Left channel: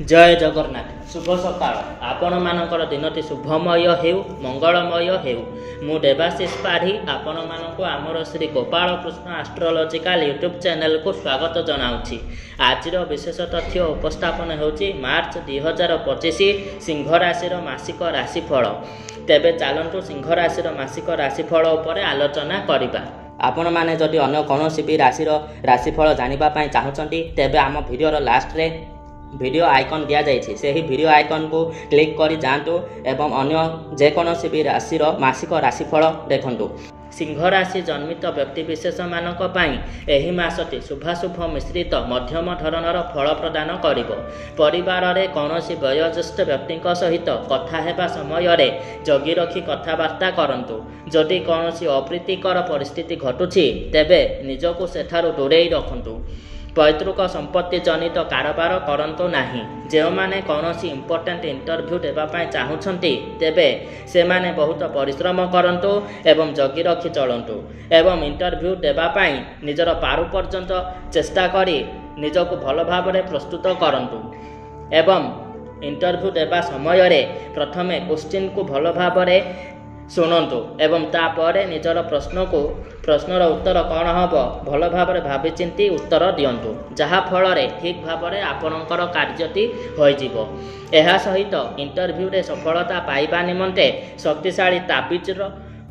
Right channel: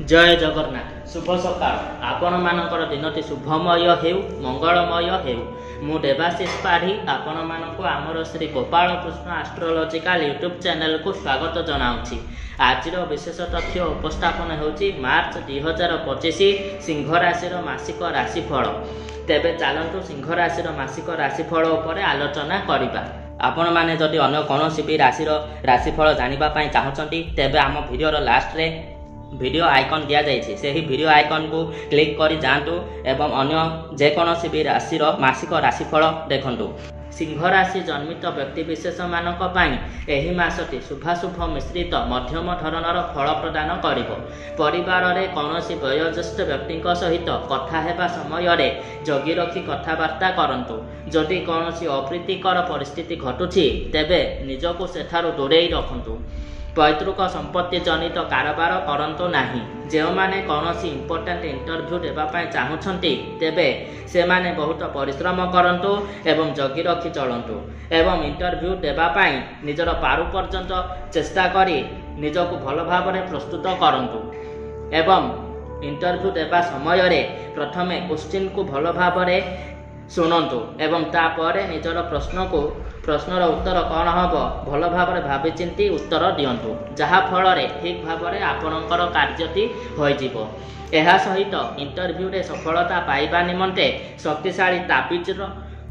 जय जगन्नाथ शुभ सकाळ आपण मानकर दिनटी शुभमय हेउ मंगलमय हेउ मु देवाशीष पाढ़ी आपण मानक आमर Shri Gopal Krishna astrological YouTube channel को स्वागत जनाउछि। आज विशेष तथ्य उपस्थापन होछि मार्च 2025 सिंह राशि मासिक राशिफल। तेबे चलतु सिंह राशि मासिक राशिफल उपर आलोचना करिबा। आपण माने जदि अन्य कौनसी भी राशिफल जानिबा पई चाहउछंती तेबे आम वीडियो लास्ट रे वीडियो आइकन दिया जाइए से ही वीडियो आइकन को क्लिक कर जातु एवं अन्य जेकोसी भी राशि मासिक राशिफल देखंतु। सिंह राशि जन्मित व्यक्ति विशेष मानक पई एही मासटी शुभाशुभ मिश्रित मध्यम धरणर फल प्रदान करिवो। परिवार रे कौनसी वयोज्येष्ठ व्यक्ति सहित कथा हेबा समय रे जगी रखी कथबार्ता करंतु। जदि कौनसी अप्रीतिकर परिस्थिति घटुछि तेबे निजको सेठारु दूरेई रखंतु। पैतृक संपत्ति जनित कारोबार करंतु नाही। जो माने कौनसी इंपोर्टेंट इंटरव्यू देवाई चाहूँगी तेबे से माने बहुत परिश्रम करंतु एवं जगी रखी चलंतु एवं इंटरव्यू देवाई निजर पारु पर्यंत चेष्टा करी निजको भल भाव प्रस्तुत करंतु एवं इंटरव्यू देवा समय रे प्रथमे क्वेश्चन को भल भाव शुणु एवं तापर निजर प्रश्नर उत्तर कौन हम भल भाव भावी चिंती उत्तर दिंतु जहा फल ठीक भाव आपणकर कार्यटी हो सहित इंटरव्यू रे सफलता पाइबा निमंते शक्तिशाली ताबिजर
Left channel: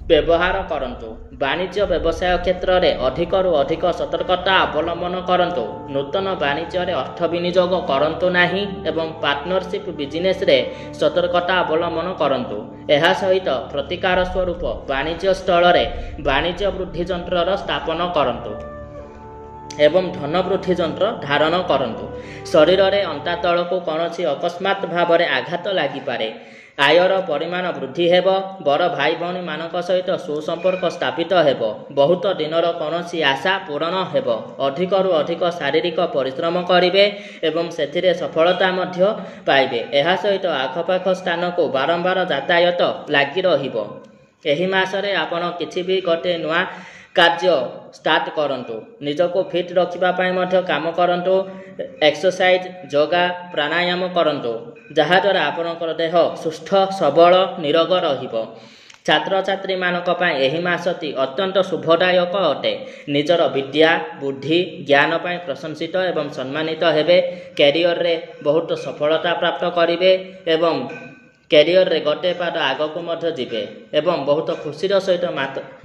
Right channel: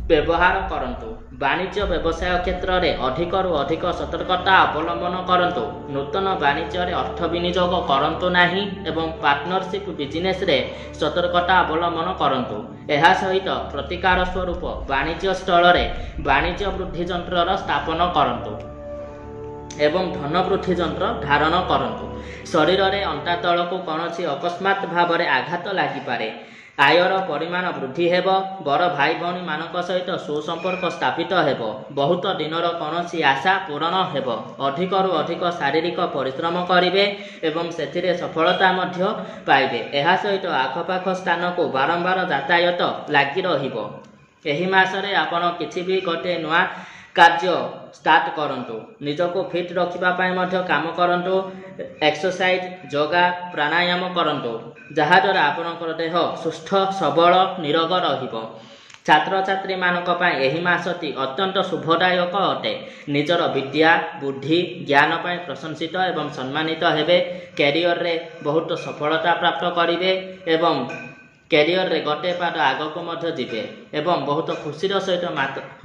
व्यवहार करंतु। वाणिज्य व्यवसाय क्षेत्र में अधिकरू अधिक सतर्कता अवलंबन करंतु। नूतन वाणिज्य रे अर्थ विनियोग करंतु नाही एवं पार्टनरशिप बिजनेस रे सतर्कता अवलंबन करंतु। एहा सहित प्रतिकार स्वरूप वाणिज्य स्थल रे वाणिज्य वृद्धि यंत्र स्थापन करंतु एवं धन वृद्धि यंत्र धारण करंतु। शरीर रे अंटा तल को कौनसी अकस्मात भाव रे आघात लागि पारे। आयर परिमाण वृद्धि हेब। बड़ भाई भौणी मानक सहित सुसंपर्क स्थापित हेब। बहुत दिनर कौनसी आशा पूरण हेब। अधिकरू अधिक शारीरिक परिश्रम करिवे एवं सेथिरे सफलता मध्य पाइबे। एहा सहित आखपाख स्थान को बारंबार यातायात लागि रहिबो। एही मासरे आपण किछि भी गोटे नुआ कार्य स्टार्ट करंतु। निजको फिट रखिबा पाई मध्य काम करंतु। एक्सरसाइज योगा प्राणायाम करंतु जहा द्वारा आपणकर देह सुस्थ सबल निरोग रहिबो। छात्र छात्री मानक पाई एही मासटी अत्यंत शुभदायक अटे। निजर विद्या बुद्धि ज्ञान पाई प्रशंसित एवं सम्मानित हेबे। कैरियर रे बहुत सफलता प्राप्त करिवे एवं कैरियर रे गोटे पाद आग को मध्य जीवे एवं बहुत खुशीर सहित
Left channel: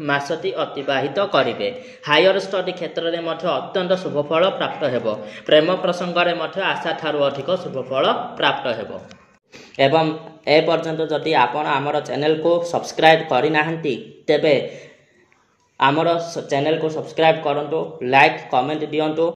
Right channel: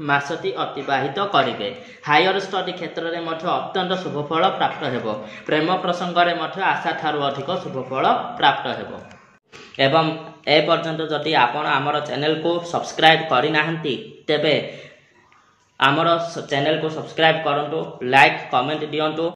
मासटी अतिबाहित करिवे। हायर स्टडी क्षेत्र में मध्य अत्यंत शुभफल प्राप्त हेबो। प्रेम प्रसंग रे मध्य आशा ठारू अधिक शुभफल प्राप्त हेबो। एवं ए पर्यंत जदि आपण आमर चैनल को सब्सक्राइब करि नाहंती तेबे आमर चैनल को सब्सक्राइब करंतु, लाइक कमेंट दियंतु।